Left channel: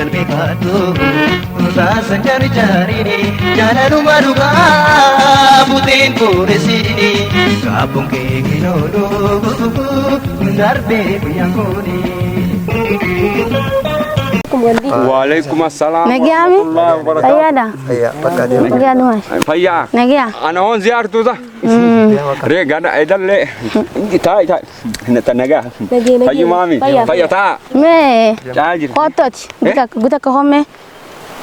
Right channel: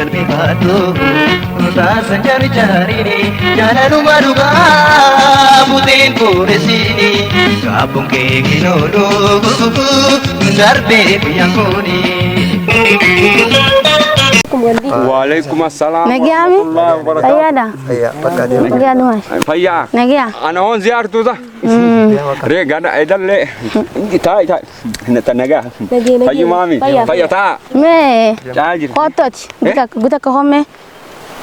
qalbii baatu baasan jaarini jaalaluma dhugaa buteen boodesiini kaabuun kee kinoodoo darbee biyyaan kooni. Waalaikumsalam. Nagiami? Fayada. Nagia dumas. Fayya. Nagia. Ana on ziyartu ta. Rega da idalle. Tai. Nata naga. Fayyu mami. Fayya ta. Me. Jajir. Kotot. Guta ka homme.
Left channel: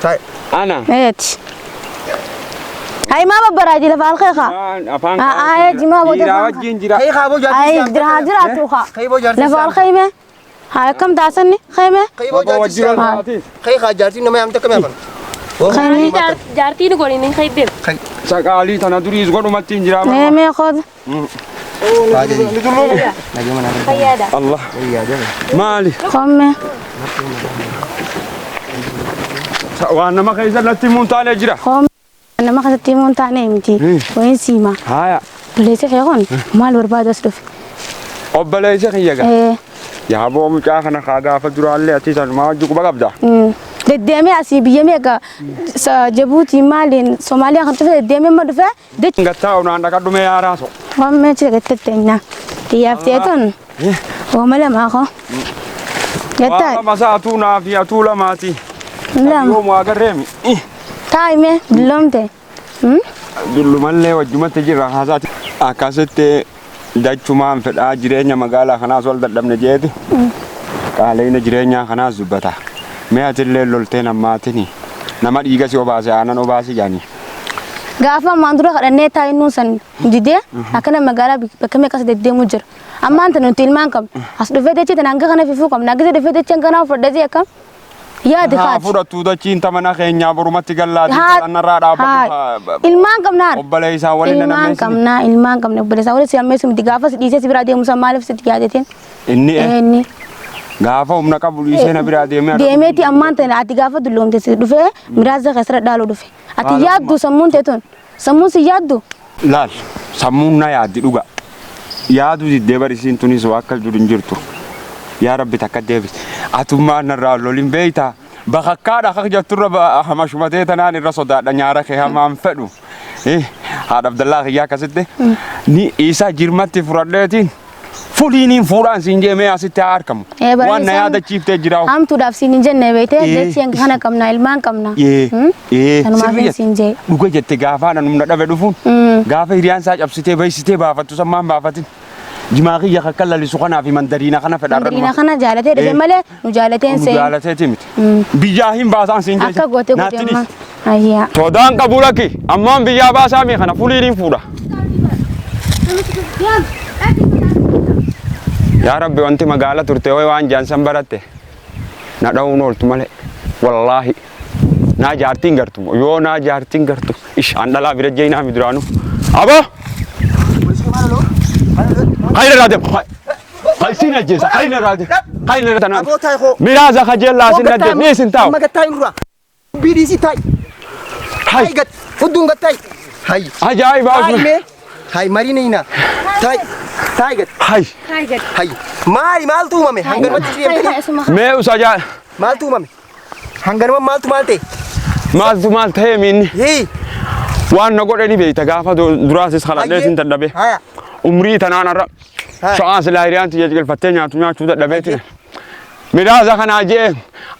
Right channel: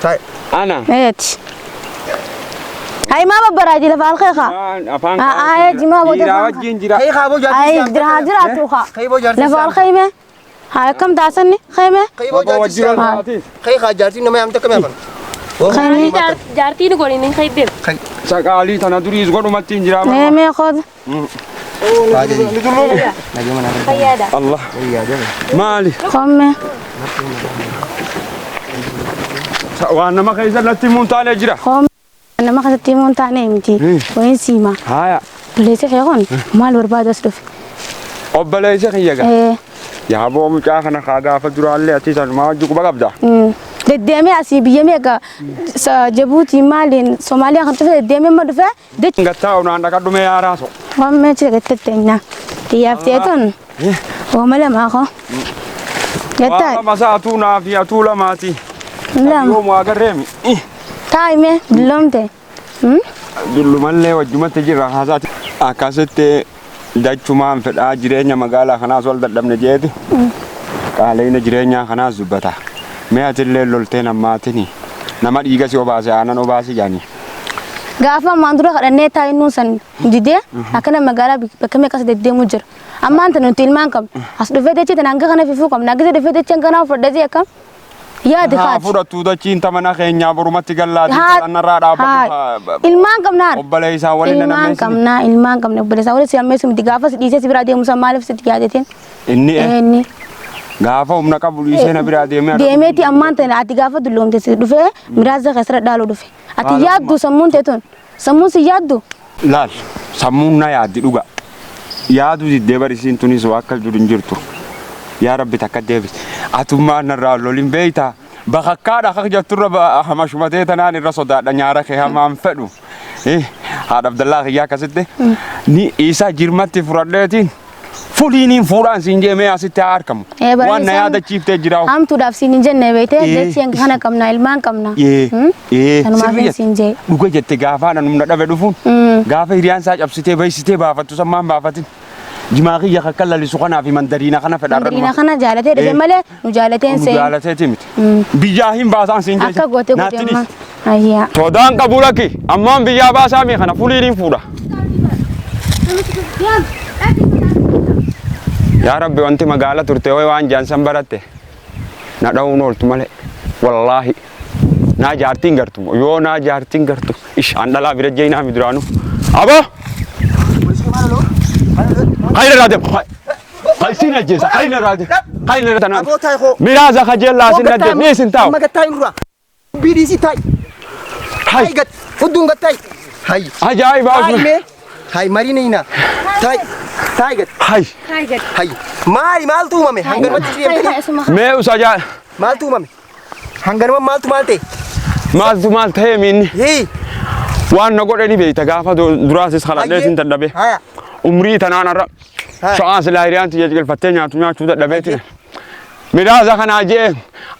Tai. Ana. Ayat. Ay mama baraji la fal kha. Afan. Ay jima bo. Jira wajin jira. Hey khabo jarti. Ay jira tu kha. Hey bo jarti. La fal khayme. Hay kam dasan ni khayme. Hey bo jarti. Hey kha jarti no me am takame ban. Khayme jarti no gori nin khaybem. Sakali tana duri zgodu matin jira. me khod. Fayada. Allah. Mali. Khomme. Wana ma kaysa lati muntale jira. Khomme. Ana ma khati mon tane imti. Wain sima. Haya. Lese khaygon. Mal barbad asduf. Obbalay khiyaga. Ya bo mu ka khana khaga fa dura alle ati san ma juku bagabda. Dedeme asibiyeme ka Djibouti Mali Somalia kan tufe dedeme madufa de Ngata ona ndaka dume yaraso. wamme chege tetenya tiyafteton o mala ma ko Wa gata masatuna fi atula mati. lam Yo mu agarremi. taime lomte Dullu malle wajjuma tajira hasati. Akasete dachuma feda jireenya magala kana sol dadamne jeeti. Qaleena jireenya kana zubata. Me atille lolteena maatini. Nama dhiiga si obaase aanan obaase jaani. gafa mandura kadane tayinu san dide akana magala bakame kas dedemu jir amma anta no tilman kam as do fete tan anga kana fifu kam nagise de fete chen kana fodde kam ya de Ha khat fura tuuda cinta mana keenya borumatti gallaati anarraa dhaabbatu. ilman kam na Obbolee isaa waliin ilman kam na obbolee isaa waliin siyamme sum digafa dhiise sibira deemu samaalif sit yaadetin inni gaafa humna qabu dhiisee na biraa deemee deemeti ammaan tan ati gaafa dulloomte si dhufe miraaza khasra dhaalu dhufe ati yaaddu sammuun teeton sammuun si yaaddu laal sammuun na yaaddi dhuga yaadu diddee barisiin tunis akka jiru hin jirtu yaa rabbi takka deebis atummaa narraa lolin beeyta bakakkaadha akka jetturra hamashumatee tanaan irra sodaadha nyaara kee hamaan fedhu haadha Abdallaa kiyyaa akkasitti ni isaa jirmatti furadheetiin fuliiniin fuudhaan siin jeemee asitti haa argamu. Waan na yaadachiiftee jiraa'u. Hamtuudhaaf siin hin jenne beekte jechiin kana qabna ilmaan qabna. Kanumaaf siin jee. Dhuga jette gaafaadha numna dhabe dhufuun gaafa hiriyaan isaa cabsitee baysitee baafattu sammaan baafatin. Jimaa kiyya akka lalisu kanaa fi mandariina kana fedhaa Mandariina kana jaalatee dhufe malee nu jaalateen seen. Jaalateeti miti. Biyyaa hin baasaan siin jecha. Akka goote goote ayyaa. Todaan qabu lakki ammaan biyyaa baasaa mi kana fuliiniin fuudha. Yaa Rabbi wanti magaala turte waan jaansan baratte na dha'uun ooltu malee wallaahi naa jaartiin gartu yoo naa jaartiin gartu an dhalaa bira jeenaa mi duraanu abo khayra raadem khaysina jeesa khayra raadem khayra tana miraaza khajella sinna de ni sintaw Magatay nura. BDC tay. Hay gat fudun gatay. Hay. ajaiba Hay. Hay marinina. Tay. Tay gat. hay Hay. Mari mal tu mame. Hangar mati siyem. me usaja Mal tu mame. Hangar mal tu malte. mal the min Hey. waan na godhani beeyta gaafa duraasis khaladhee sin dadhabe Haya. umrii tanaanarra sha'aan silaa hiriyaan tiyya jigalfattee nyaachuu dadhabeetiin midhaasa kanaa jee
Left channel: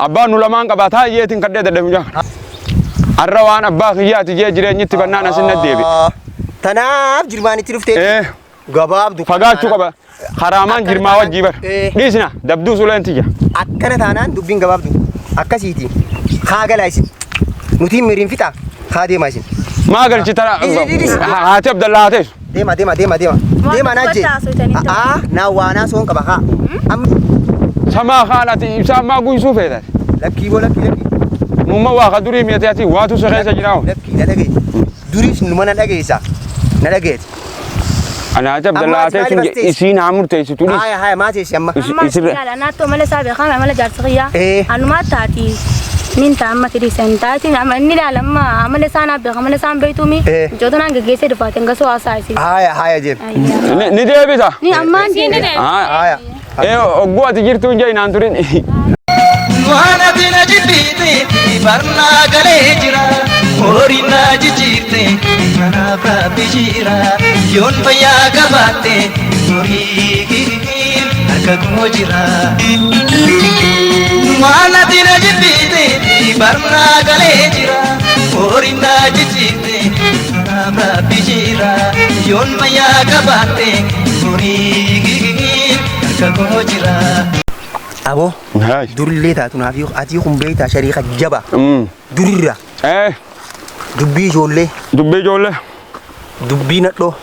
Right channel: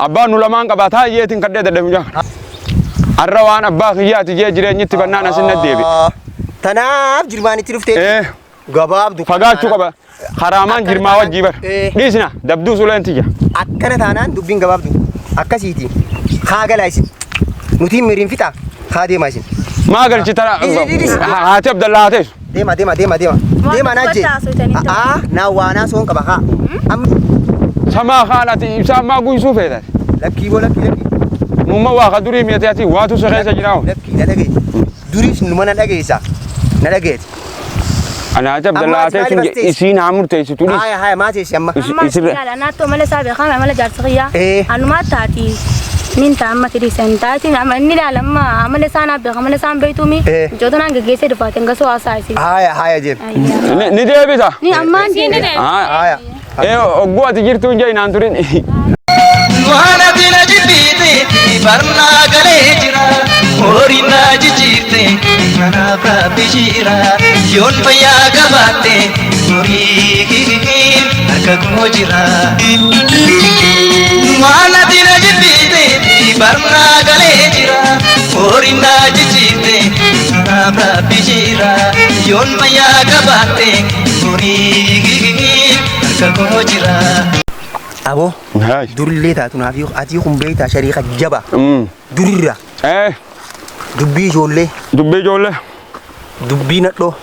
abbaan nu lamaan qabataa jeetiin kadhee dadhabe jaa arra waan abbaa kiyyaati jee jireenyitti bannaan asin naddeebi Tanaaf jirmaanitti dhuftee. Gabaabdu. fagaachuu qaba karaamaan jirmaa wajjii bar dhiisina dabduu suleen tiyya Akkana taanaan dubbiin gabaabdu. Akkasiiti. Kaagalaa isin. Nutiin miriin fixa. Kaa deemaa isin. maa galchi tana haati Abdallaa haatees Deema. Deema naajjee. Naa waanaa soon qaba haa. samaa haalaati ibsaa maa guysuu feetan Lakkii boo lakkii. mumma waa ka durii miyateeti waatu sokeessa jiraawo Lakkii na dhagee. Duriis numa na dhageessa. Na dhageeti. anaati Abdallaa haatees isiin haa murteessitu dhiis Haya maateessi amma. Yala naatto mala sabe khama mala jarsiya anuma taati min ta amma kidi sentaati amma inni lalama amale sana be khamale san beitumi jodana ngegese dufaten gaso asaisi Haya jeem. ni deebisa ni amma ni ne Haya. ogguwati jirtu inja inaan turin Wana dina jibite barna gale jira Ori na jijite mana bishira Yon paya gabate Ori gigi aga kojira Wana dina jibite barna gale jira Ori na jijite mana bishira Yon paya gabate Ori gigi aga kojira Abo, Hai. durillee taatu naaf ati kun beektaa shariika jaba. Durirra dubbii ijoollee, Dubbii ijoollee. dubbii nadhoo,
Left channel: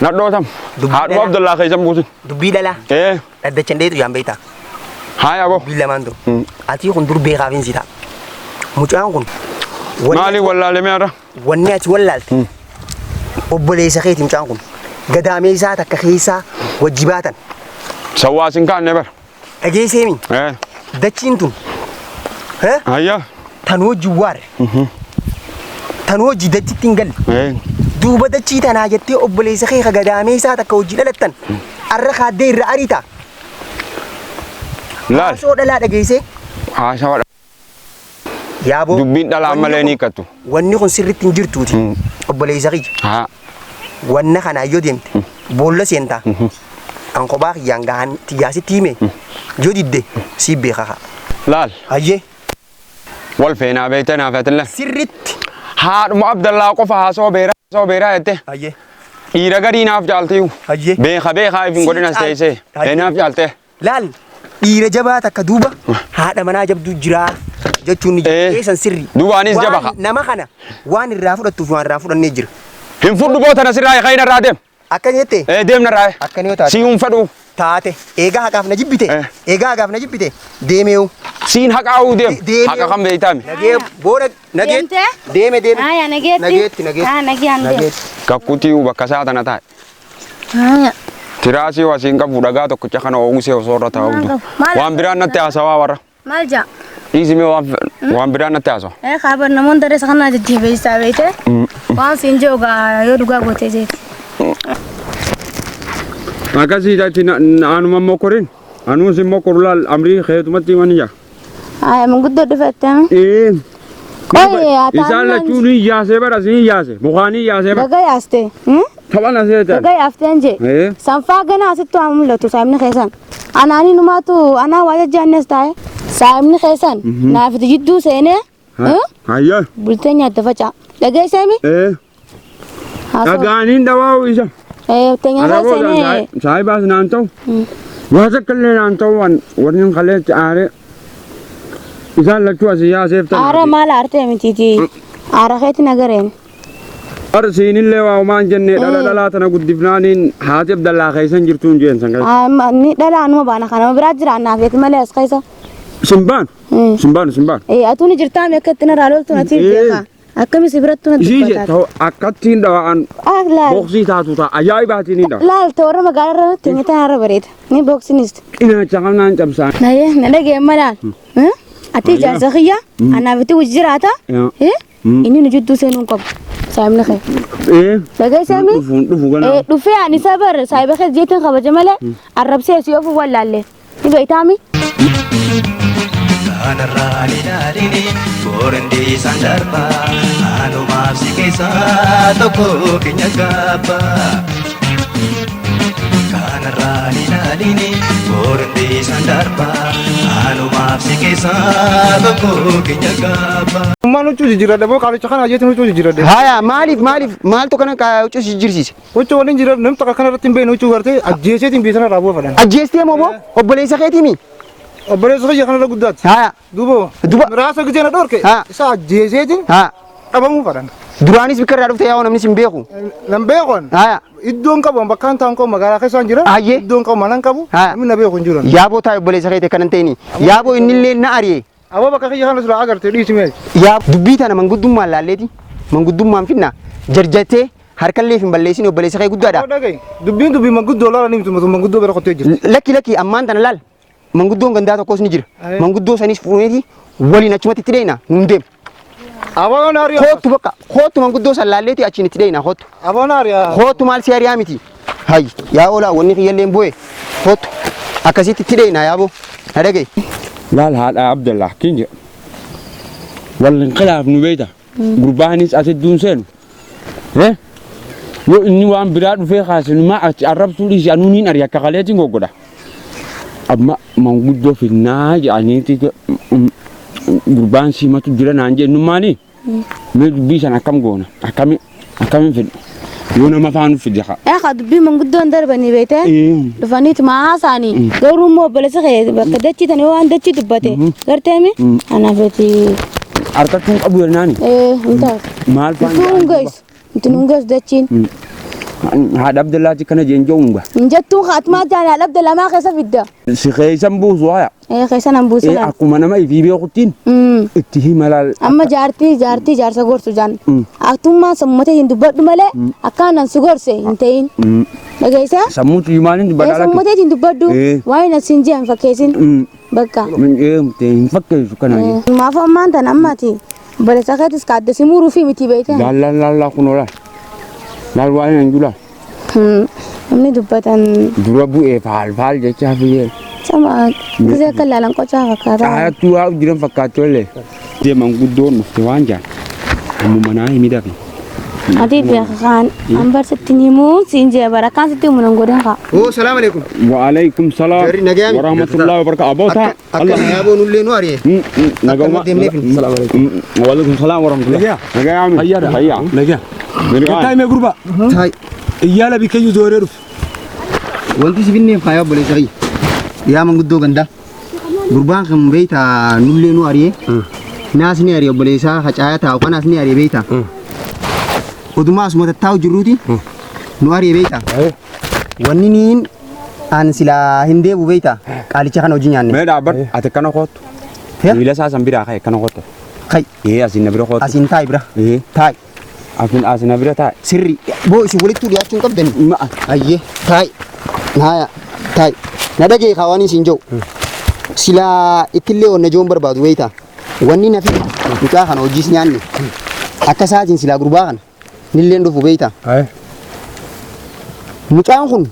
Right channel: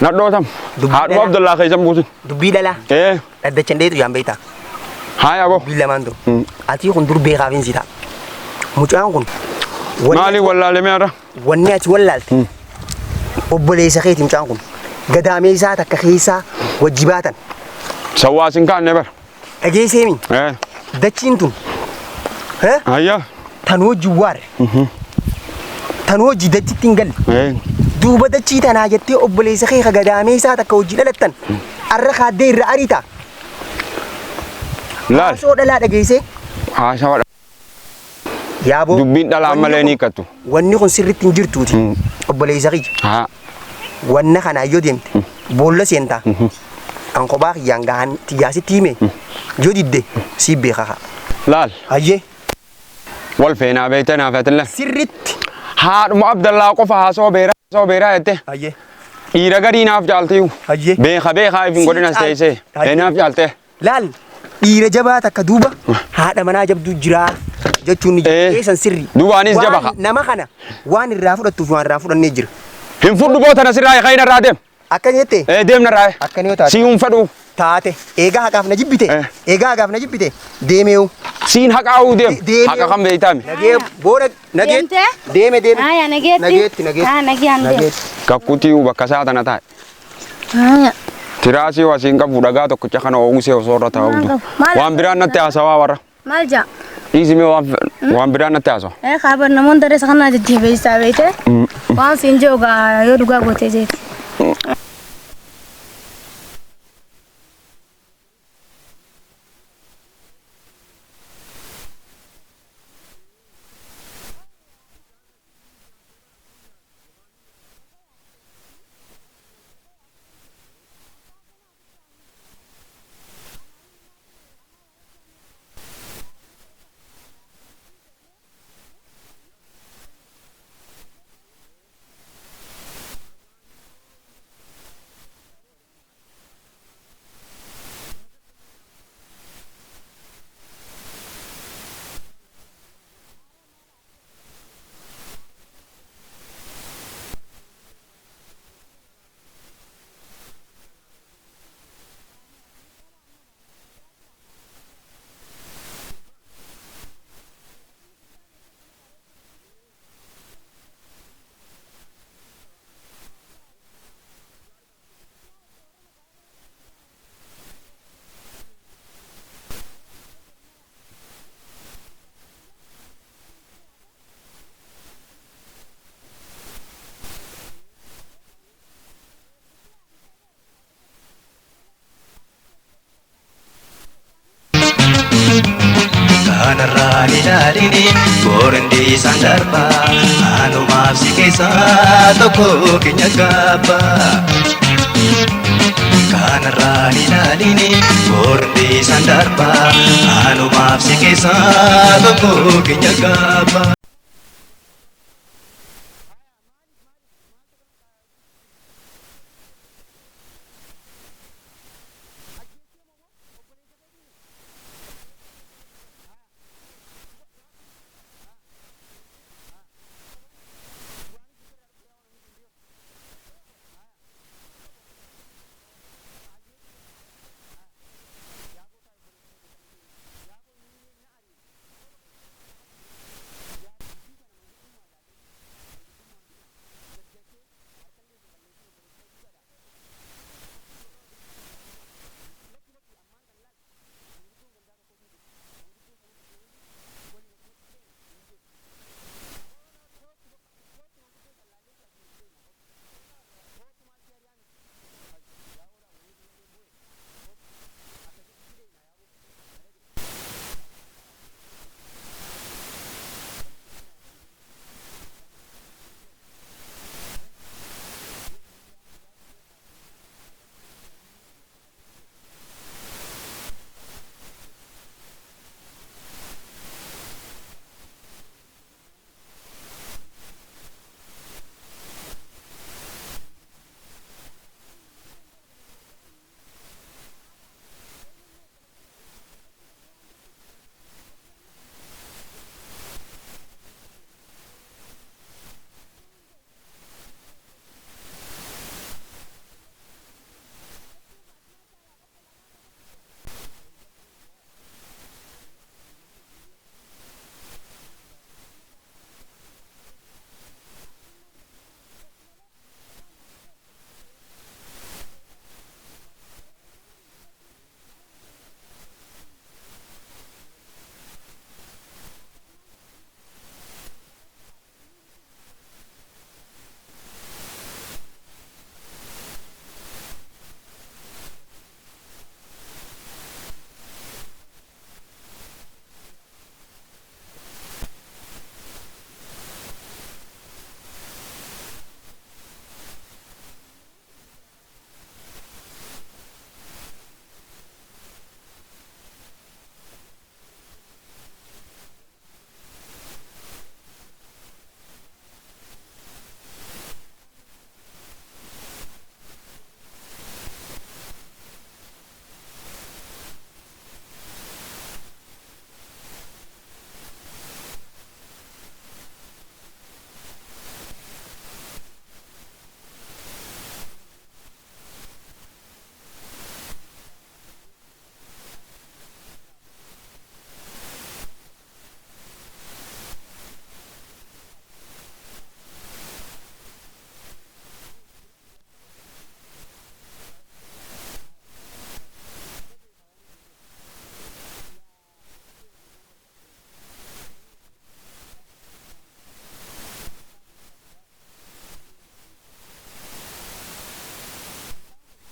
Nadhoo tam. Dubbii Haadhuma dhala. Abdullaa keessa buusin. dubbii dhalaa. Dhaddachan dheetu yaan beektaa. Hai abo. Dubbii lamaan dur. Ati kun dur beekaaf hin sitaa. Mucaan kun. Maali wallaalee mi'aadha? Wanni ati wallaalte. Obboleessa keeti mucaan kun. Gadaamee isaa takka keessaa wajji baatan. Sawwaasin kaanne bara. Dhageesseemi. Dachiin tun. Ayyaa. Tan hojii waare. Tan hojii dachitti hin galle. Duuba dachii tanaa jettee obboleessa kee gadaamee isaa takka hojii dhalattan. Arra kaaddee irra ariita. Laal. Haasoo dhalaa dhageessee. Haasawaa. Yaaboo. Dubbiin dhalaa malee ni hiikkattu. Wanni kun sirriitti hin jirtuuti. Obboleessa kiyya. Wanna kana yoo deemte boolla seentaa. An kophaa kiyyaan gahan xiyyaasitti hime. Yoo didde si beekaa. Laal. Hayyee. Wal feenaa beekte naaf ati laal. Sirriitti. Haadhuma Abdullaa qofa haasoo beeraa jette. Hayyee. Dhiira gadii naaf jaaltiyu. Hayyee. Beekaa ifin godhinas teessee. Naaf jaalte. Laal. Dhiira jabaa takka duuba haadha manaa jabduu jiraa jechuun ni eessan sirri. Duubaanis jaba ka. Nama kana waan irraa fudhattuuf waan irraa fudhannee jira. Hin fudhu boota nasirraa ka'in irraa deem. Akka jettee. Deemna irraa. Akka yoo taate. Si hin fedhu. Taate. Eegaa haqaaf na jibbite. Eegaa haqaaf na jibbite. Deemeewu. Siin haqaa'uu deem. Haqa kan beeytaami. Nagee booda nageet. Deeme deeme. Nageetti. Nageetti nageetti. Nageetti. Kakkutii bakka saatana taa'e. Tiraasii wasiin qabu dhagaa tokkicha kana oomishee osoo irra taa'u. Waan biraan natti haasawaa warra. Maal jaa? Dhiisimee waan biraan natti haasawa. Kaabar namoonni dareessa kanaa jajjabeessaa beekte. Waan siin joogaa yoo dhugaa gootee jeeti. Akkasii taati anuma mokorin. Anuus immoo korulaal amrii keetumatti himanii jaa. Manguddoo dhufettee. Isaan lachuun hin yaasee bara siin yaase. Mukaan hin yaasee bara. Gaga yaaste. Taphan asee taate. Gaga yaafteen jee. Sanfaa ganaa asitti waan mul'atu saayimni keessan. Anaanii numaatu anaa waa jajjaannes taa'e. Saayimni keessan naafiti jidduu seenee. Hayyaa. Bultee nyaatte faca'a. Dhageesseemi? Dhagaaniin dhawaa'u isa. Teenyaa seenee. Saayibaas naan ta'u. Waa takkallee naan ta'u warreen kaleetti aaree. Isaan lachuu asii yaaseef ta'u. Aara maal aartee mitiiti? Aara keetti nagareen. Siinillee waa umaan jennee dhalaa tana guddifnaaniin haati Abdallaa keessan jirtuun jeensan keessa. Ni dhalaa numa baana kana biraa jira naafeeti malee as keessa. Simbaan. Atuun jirtaa mi akka ittiin irraa loltu natti beekaa. Akkami si birattu natti beekaa. Ishii ta'u akkattiin dhawaan boksii taatu ta'a ajaa'ibaatiin hin dhawa. Laal ta'u warra magaalaa irratti ni tanarra bareeda. Ni boksinis. Qinaacha qabnaan cabsaan. Na dhagee malaal. Ati ijaarsa kiyya anaafiti wajji jiraata. Inni nu jidduu seenuun qabu. Saayimni kee. Dhagee seemi. Dhufee ani sabar saayiba kee jeetiin kabaja malee arrabsee si ofu wallaalle. Ni beektaami. Kanarraa ilaalini boorandi isaan darba anumaaf si keessaa tokko keenya gaabba. Kanarraa ilaalini boorandi isaan darba anumaaf si keessaa tokko keenya gaabba. Maal huccuu jijjiiradha moo qaalicha kana ajjeetiin huccuu jijjiiradha? Haya maaltu kana huccuu jijjiirsiise? Huccuu waliin jira namni takka kanarratti hin beekne huccuu gartee ajjeeseetiin biisana raabuu fadhan. Ajjeestee moo obboleessa keetiimi? Obboleessa kiyya kanarra guddaatti. Haya. Duuba miraasa gijee na dhorke isa ajjeeseetiin dhabamuu fadhan. Duraanis bikka irraa dhufte yaa'u namni sin beeku. Nan beekon. Iddoon qabu bakkaan ta'an qabu magaalaa keessaan jira. Iddoon qabu manan qabu namni na beeku hin jiru. Yaaboo taa'e obboleessa keete kanan ta'ini. Yaaboo innillee na ari'e. Aboo bakka kiyya kana sura agartee dhiisimee. Yaa dubbii tana manguddummaan laalleeti. Manguddummaan finna jarjattee harkallee hin balleessin obboleessa kee guddaadha. Dubbii manguddoo laala ni mitu manguddoo bira qottee jirti. Lakki ammaan tana laal. Manguddoon gandaa tokkos ni jira. Manguddoo sanis fuuneeti waliin achumatti itti deena nun deem. Aboon ariyaa. Kootu bakka kootu manguddoo san laalleeti achiin itti deena kootu. Aboon ariyaa. Kootu maal si ariyaa miti. Hayyi yaa oolaa wanni kiyyallee bu'e kootu akkasitti itti deena yaaboo na dhagaye. لا هذا عبد الله كينج والانقلاب نبيته قربانيس أتدون سن إيه يو إني وان براد في خاص ما أعرف سولي جانونين أريا كخالتين قوقدا أما موجود في الناج يعني تيجي قربان سيما تجرا نانجي نماني ما بيش أنا كم قونا أكمل في يونا ما فانو في الجحا أخذ بي من قدون دربني بيته دفنيت معاه ثاني قولوا مو بلس خير بكدتشي تاني وان دتشي دبته قرتامي أنا بتي أركضون أبو الناني أنت مال فان تنونجس دتشين هذا عبد الله كنا جنجونغا نجتو خاتمات جانا عبد الله ما خسف الدا سخيسم بوزوايا خيسان أمبوسلا أكو منا ما يفي بيوقتين اتهي ملال أما جارتي جار سجور سجان أكتم ما سمته هندو بدو ملا أكان سجور سه هنتين بقيسا سموت يمانين بدالك سمته هندو بدو واي نسينجي أم فكيسين بقى من تين فكر سكنا ما فهم أنت نماتي بس أخذت سكاد سمورو في متي بيته لا كنولا لا واي نجولا أمني دبتان دربو فال جاي فيه sama bisa kelalang kau cakap kata. Ayat tua jiran fakat oleh dia mangkudon mesti wanja. Kamu mana ini dah? Adi dia kan ambar setinimu sinje barakan setiap menunggudan kak. Oh, assalamualaikum. Waalaikumsalam. Warahmatullahi wabarakatuh. Abota. Allah ya bu nulle no ari. Nagama. Assalamualaikum. Waalaikumsalam warahmatullahi. Nagam. Hayya. Nagam. Kita ini grupa. Hai. Iya lebih kayu zorer. Wanti sibinne kaya boleh sari. Ya manguddo ganda gurbaan kan beita nulle no ari nas ni ari boleh sa hacaya ta kana ni ari beita oduma asmo ta taw juruti no ari beita wani nin an sila hinde bu beita kali cha kana ujinyan me da bar ate kana khot ila sa sambira khay kana khot khay asin nabira khot asin tay bra tay asin nabira tay sirri bo isi wali tu dia cun kabden ma ayye tay naya tay nadage khawani sinjo sila itille on najom barbadu weita wanni nafi muka kan ojis nyanni akasajin sila gurbakan nillen do fubeita ay muka kun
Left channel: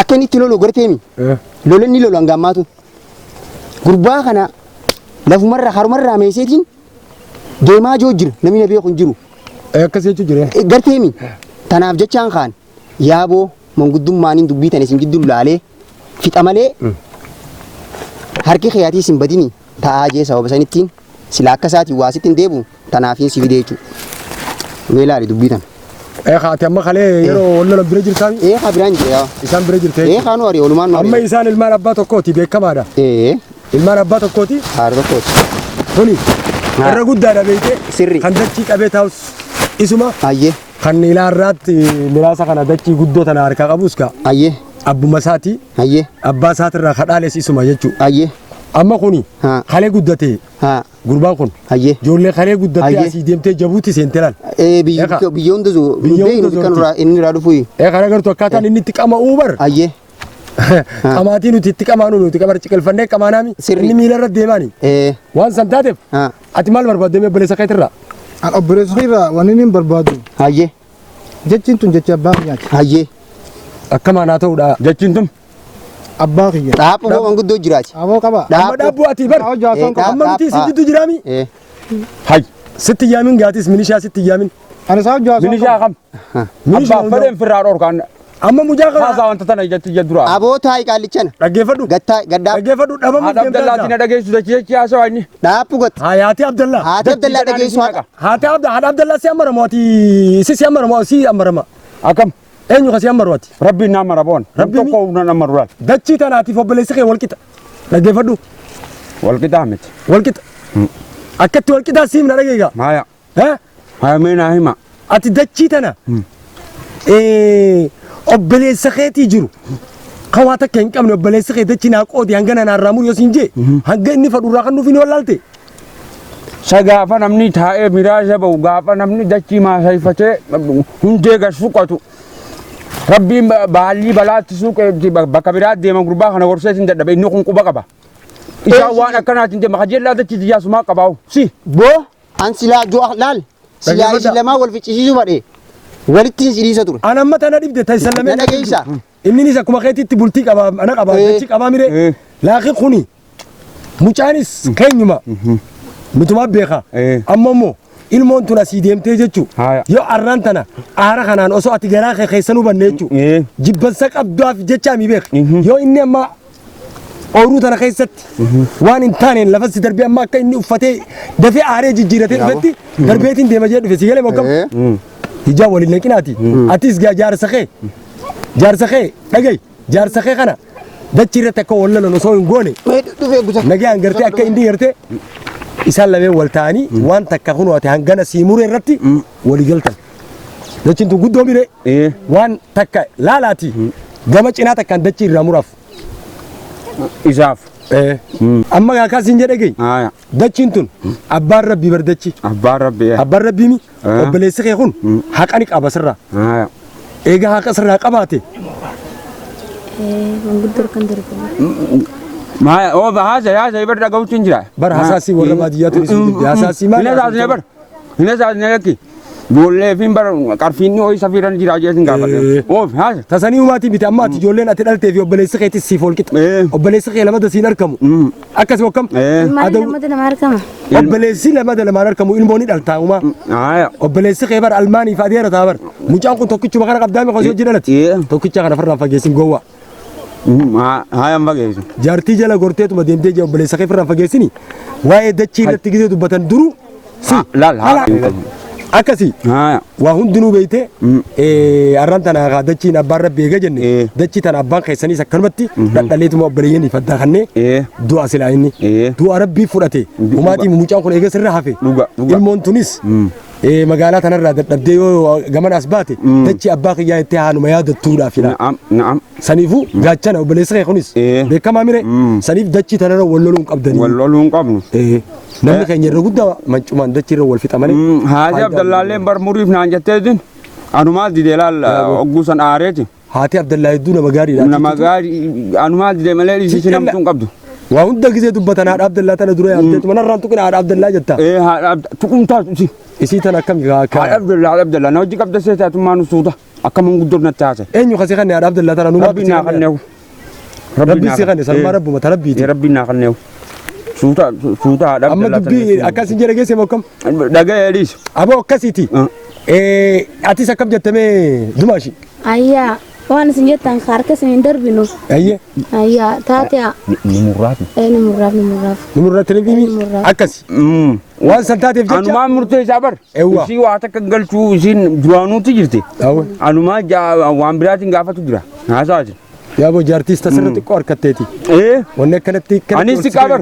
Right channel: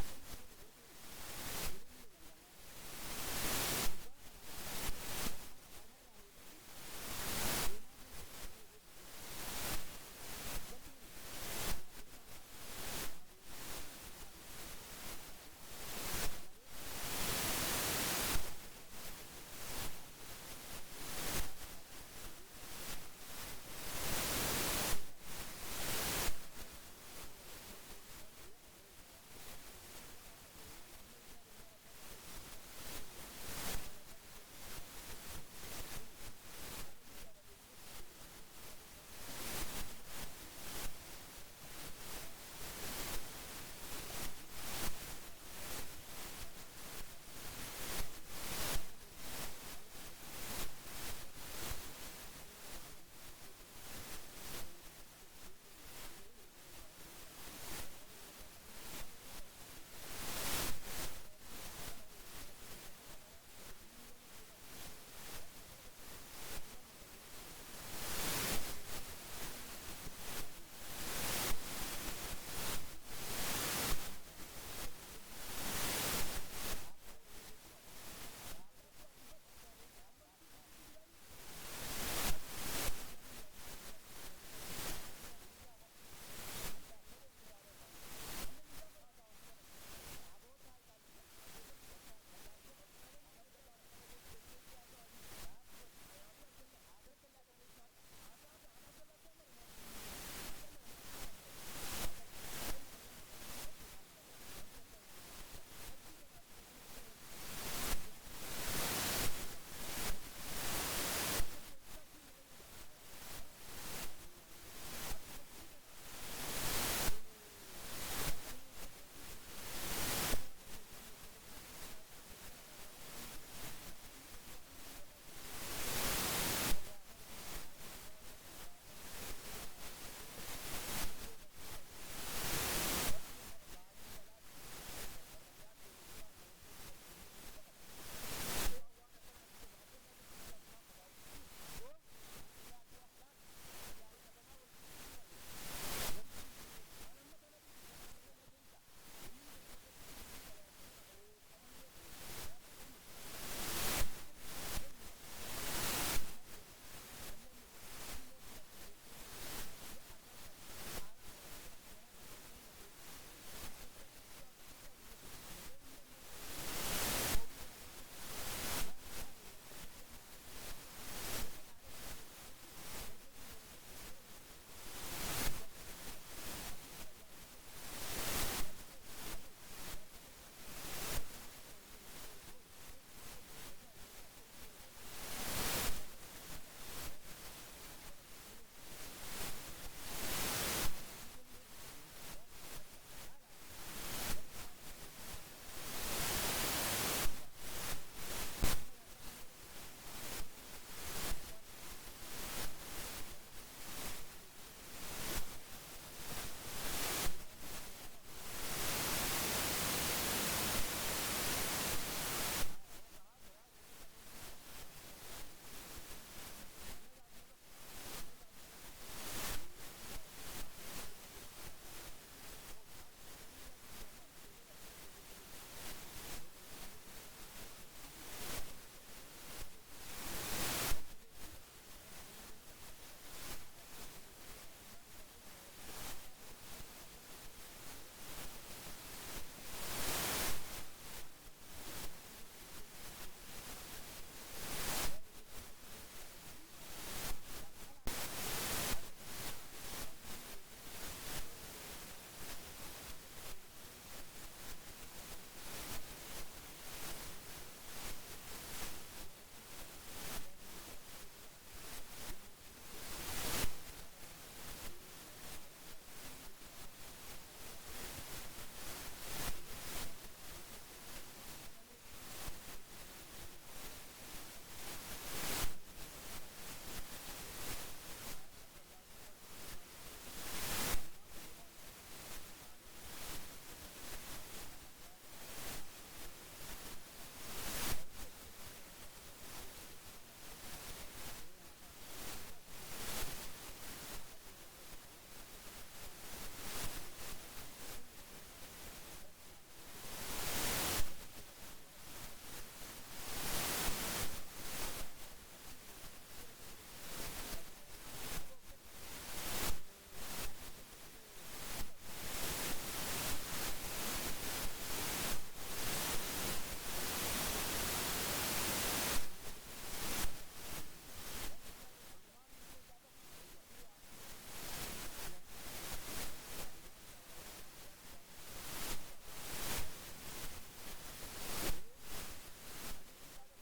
akeni tilolo gortemi lolen ni lolo ngamatu gurbakana lafu marra har marra mesetin dema jojir nami nabi kun jiru akase jire gartemi tanaf jachan khan yabo mangudum manin dubita ne singidul lale fitamale harki khiyati simbadini ta aje sabab sanitin sila akasati wasitin debu tanafin sividechu welari dubitan khati amma khale yero wala birajir sami khabiranje ya isan birajir te khanu ari ulman no amma isan ilman abbato koti be kamada ilman abbato koti hardo koti honi ara gudda beete sirri kan dachi qabe taus isuma ayye kan ila rat mirasa kana dachi guddo tana harka qabuska ayye abbu masati ayye abba satirra khadale isuma jechu ayye amma kuni khale guddate gurbaan kun ayye jolle khale guddate asi demte jabuti sentelal biyondo zo biyondo kan ra inni radu fuyi khare garto katan inni tiqama ubar ayye qamati nu tiqama nu tiqamar cikal fande qamanami inni milara demani wan santatef atimal barbade me bele sakaitirra al obres khira waninin barbadu ayye jechin tun jecha baanyat ayye akkama na tawda jaccintum abbaqiya dapo go nguddo jirachi abo kaba amma dabu ati bar amma miti sijidu jirami hay sitti yamin gatis minisha sitti yamin ana sa jaso minisha kam minisha fadem firaror kan amma mujaga sa wanta tana jatti jadura abo tay kalichana dagefadu gatta gadda dagefadu daba mu abdallah tina dagesu da kiyaci aso ani dapo got hayati abdallah dagesu hati abdallah si amara moti si amara mo si amara ma akam enyu khasi amarwati rabbi na marabon rabbi ko na marwat dacci tanati fo bele sekhe walkita dagefadu walkita amit walkita akati walkita sim na dagega maya maya mena hima ati dacci tana obele sekheti jiru khawata ken kam no bele sekhe dacci na qodi hangana na ramu yosinje hanga inni fadu ra kanu fini walalte sagafa namni tae miraja ba gafa namni dacci ma saifate hunde ga suqatu rabbi bali balati suke bakabirat de magruba kana warsetin da be nukun kuba kaba isa wana kana tinde makajella da ci ya suma kabaw si bo an sila jo lal sila ma wal fici ju bade walitin siri satur ana mata na dibde tay sallame na geisa inni ni sa kuma khayti tibulti kaba ana kaba ci kaba mire laqi khuni mucaanis keenyuma mituma beeka amma immoo ilmoon tun asii deemtee jechuu yoo arraan tana aara kanaan osoo ati garaa kee keessanuu banne jechuu jibbansa qabduuf jecha mi beeka yoo inni amma ooruu tana keessatti waan hin taaneen lafa si darbee amma akka inni uffatee dafee aaree jijjiiratee dhufetti darbeetiin deema jee dhufe si galee moggam hijaa waliin naqinaati atis jaarsa kee dhagay jaarsa kee kana dachi irratti akka wallalan osoo hin goone nagaan gartee akka inni gartee isaan lameen wal ta'anii waan takka kun ati hangana siimuree irratti walii galtan dachiin tun guddoo mire waan takka laalaati gama cinaa takkaan dachii irraa muraaf isaaf amma akkas hin jedhe gay dachiin tun abbaan rabbii bardachi abbaan rabbiimi obboleessi kee kun haqa ni qaba sirraa eega haqa sirraa qabaate ما هو هذا يبرد قوتين جرا بر حساسي ولا باديات حساسي ما هنا زاد نبر هنا زاد نلقي جولة فين بر كارفيني هو يسافرون جرا جالسين كابر أوه هذا تساني وماتي بيت أماتي جولين أتدل تبي وبليس خيتي سيفول كت وبليس خيل لما تسينر كم أكاس وكم هذا لما دنا ماركم وبليس لما دنا ماركم كم إلموني دلتاهما وبليس خيبر ألماني فاديرة تابر مجاكم توكي شو بكرة قدامي خشوا جرالت توكي شغنا فرنا فجيسين جوا هاي أم بقى جارتي جلا قرتي تو بديم تيجي وبليس خير فرنا فجيسيني واي دتشي لتيجي تو بتن درو لا أكاسي وهم دنو بيته أرانتنا دتشي نبار بيجا جنة دتشي تنا بان خيساني سكرمتي دليل تو مبليني فتحني دو أسلاني دو عرب بيفرته وماتي ممجان كون إيجا سرنا حفي المون تونس مقالات أنا راد تبديو جمان أسباتي دتشي أباك يا إتهان ما ياد التورا فينا نعم سنيفو جاتشنا وبليس خير خونيس بكم أميره سنيف دتشي تنا ولولون قبضني ولولون قبض نحن كنا نرقد ما دتشي رول في تمانين هذا عبد الله لين برموريف نانجتين أنا ما أدري دلال أقوسن آريتي هاتي عبد الله يدونا مغاري أنا مغاري أنا ما أدري ملالي سيشنا متون قبض وأنت كذا تبتنا عبد الله تنا دروي عبد من الران تكون عبد الله جتا تكون تاسي إسي تنا كم عبد الله نوجي قبض سيتا تما نسودا أكمل قدرنا تاسي أين يخسي خني عبد الله تنا نوما ربنا خنيو ربي سيخني سلام رب ما تربي ربنا خنيو سوتا أما دبي أكاسي جرجع سموكم دعاء ليش أبو كاسيتي أتي سكب جتمي دماشي أيا وانا سنجت تنخارك سندر بينو أيه تاتيا نمرات نمرات تلفيني أكاسي وان سنتاتي في أنا ما مرتي جابر شيء واتك قال شو زين جوانو تجرتي أنا ما جا وان براتين قافة تجرا هذا يا أبو جارتيس تسرت كور كتتي ونك كانت أنا سكابر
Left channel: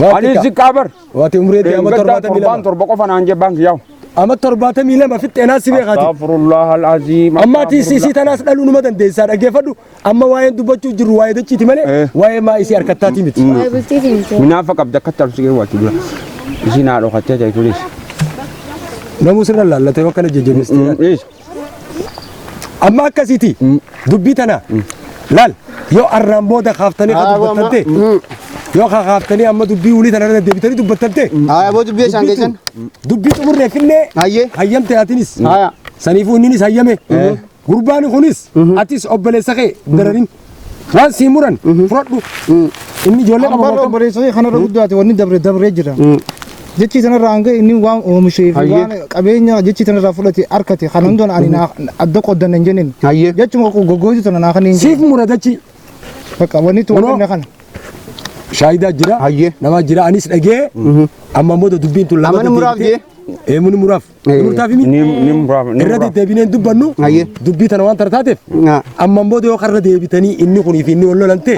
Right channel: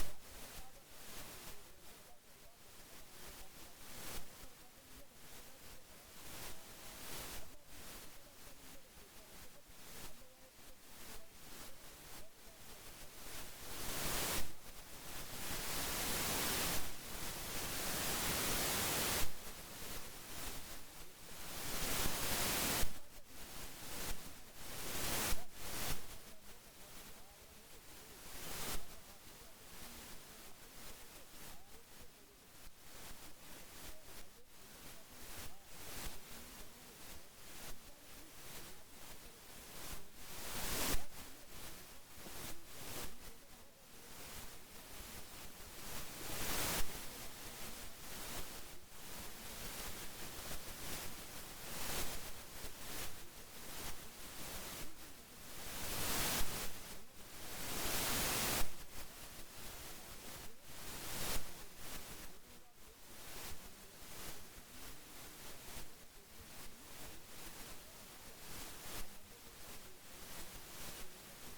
أنا سكابر واتي عمري دي أما تربات ميلا تربكوا فنان جبانك ياو أما تربات ميلا ما في التناس بيغاتي استغفر الله العظيم أما تيسي تناس لالو نمدن ديسار أجفدو أما واين دبچو جرو واي دچي تمالي واي ما إسي أركتاتي مت منافق أبدا كتر سيجي واتي بلا إسي نارو خاتيا جاي توليس نموسر الله لا تيوكنا جيجي أما كسيتي دبيتنا لال يو أرنبو ده خافتني خدبتنتي يو خافتني أما دبي ولي تنا دبيتني دبتنتي أبو دبي شانجيسن دبي تمر رفيني هيام تياتينيس سنيفو نينيس هيامه قرباني خونيس أتيس أبلي سخي دررين وان سيموران فرادو إني جولة أبغى أبغى سوي خنا رقود داتي وني دبر جرا جتشي تنا رانجة إني وان ومشي وان أبيني جتشي تنا رافلتي أركتي خنندون أنا أدق قدام نجنين جتشي ما كوجوجي تنا ناخنين سيف مرادتشي بقى وني تونا ناخن شايدا جرا نما جرا أنيس أجي أما مودو دبين تلا أما نمراف جي من مراف مرتافي مين نمراف الردي تبينين دبنو دبي تنا وان ترتاتف أما مودو خرّ دبيتني إني خوني فيني ولا لنتي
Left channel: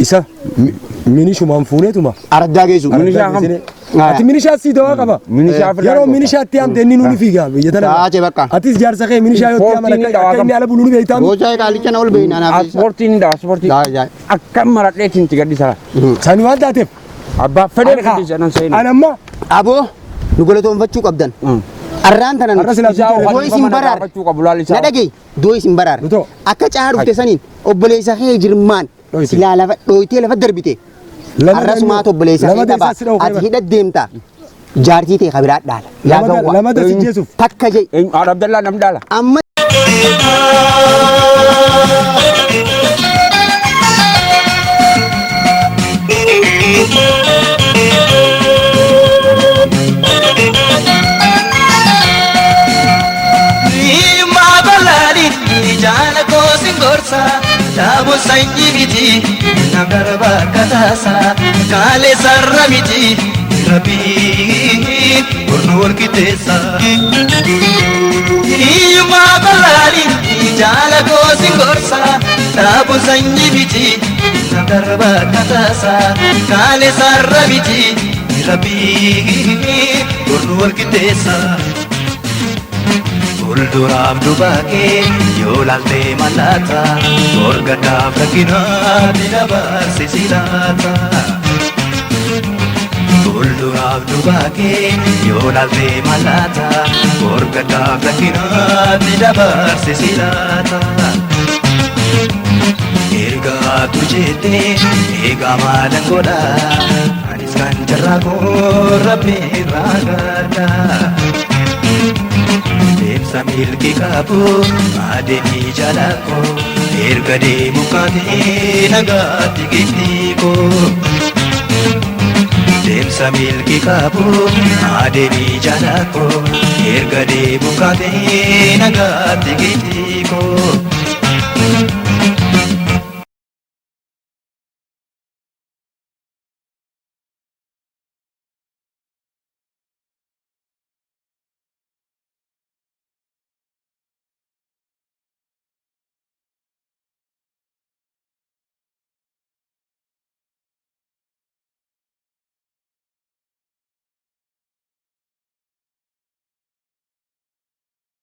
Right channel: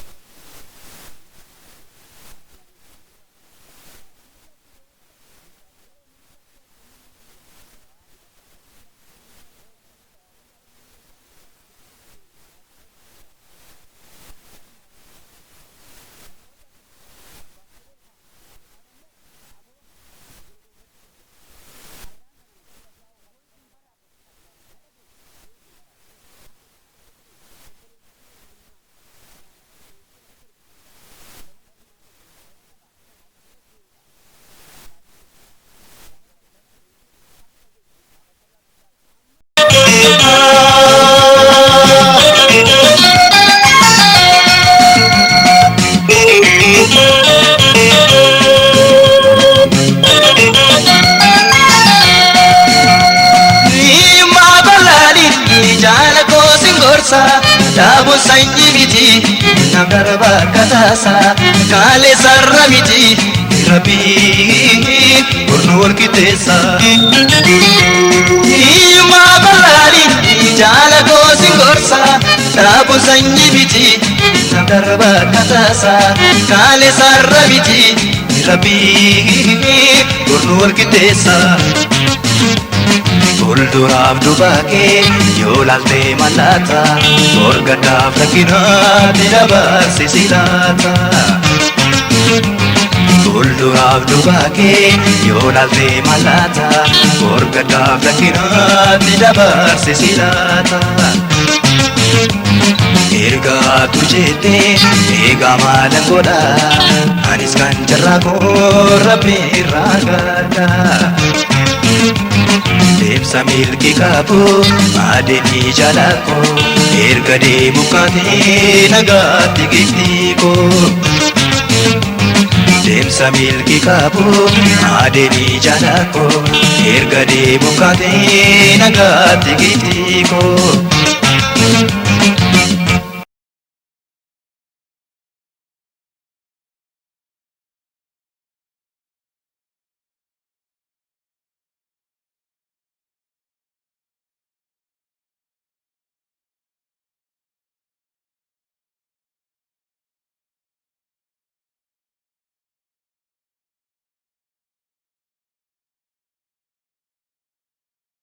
إسا منيشو مانفونة توما أردا جيسو أتي منيشا سيدوا كبا يارو منيشا تيام تنين نوني فيها يتنا أتيس جار سخي منيشا يوتيام أنا كأني على بلوني بيتام بوجاي كالي كنا أول بين أنا سبورتين أكمل مرات لين تيجي دي سلا سانيوان تاتف أبا فدر كدي جانا سين أنا ما أبو نقول توم فتشو كابدن أران تنا دوي سيمبرار ندعي دوي سيمبرار أكتر عارف تسانين أبلي سخي جرمان سلا لفت دويتي لفت دربيتي الرأس ما تبلي سخي تبا أتهيد الدمتا جارتي تي خبرات دال يا جوا لما تسجيسو تكجي عبد الله نم دالا أما Thank you. gorsa Daabu sanyi miti Nam darba katasa Kale sarra miti Rabbi Kurnu walqixeessa Iyuma barari Jala gosi gorsa Daabu sanyi miti Nam darba katasa Kale sarra miti Rabbi Kurnu walqixeessa Fuulduraaf dubaakee yoo laaltee mallaata Borgadaaf rakkinaatti dabarsisi laata Fuulduraaf dubaakee yoo laaltee mallaata Borgadaaf rakkinaatti dabarsisi laata Ergaa tujeetee eegaa maalan godha Anis kan jarraa koo rabbi irraa gaadha Deemsa milki qabu adeemni jalako erga deemu kaatee nagaatti geettiiko Deemsa milki qabu adeemni jalako erga deemu kaatee nagaatti geettiiko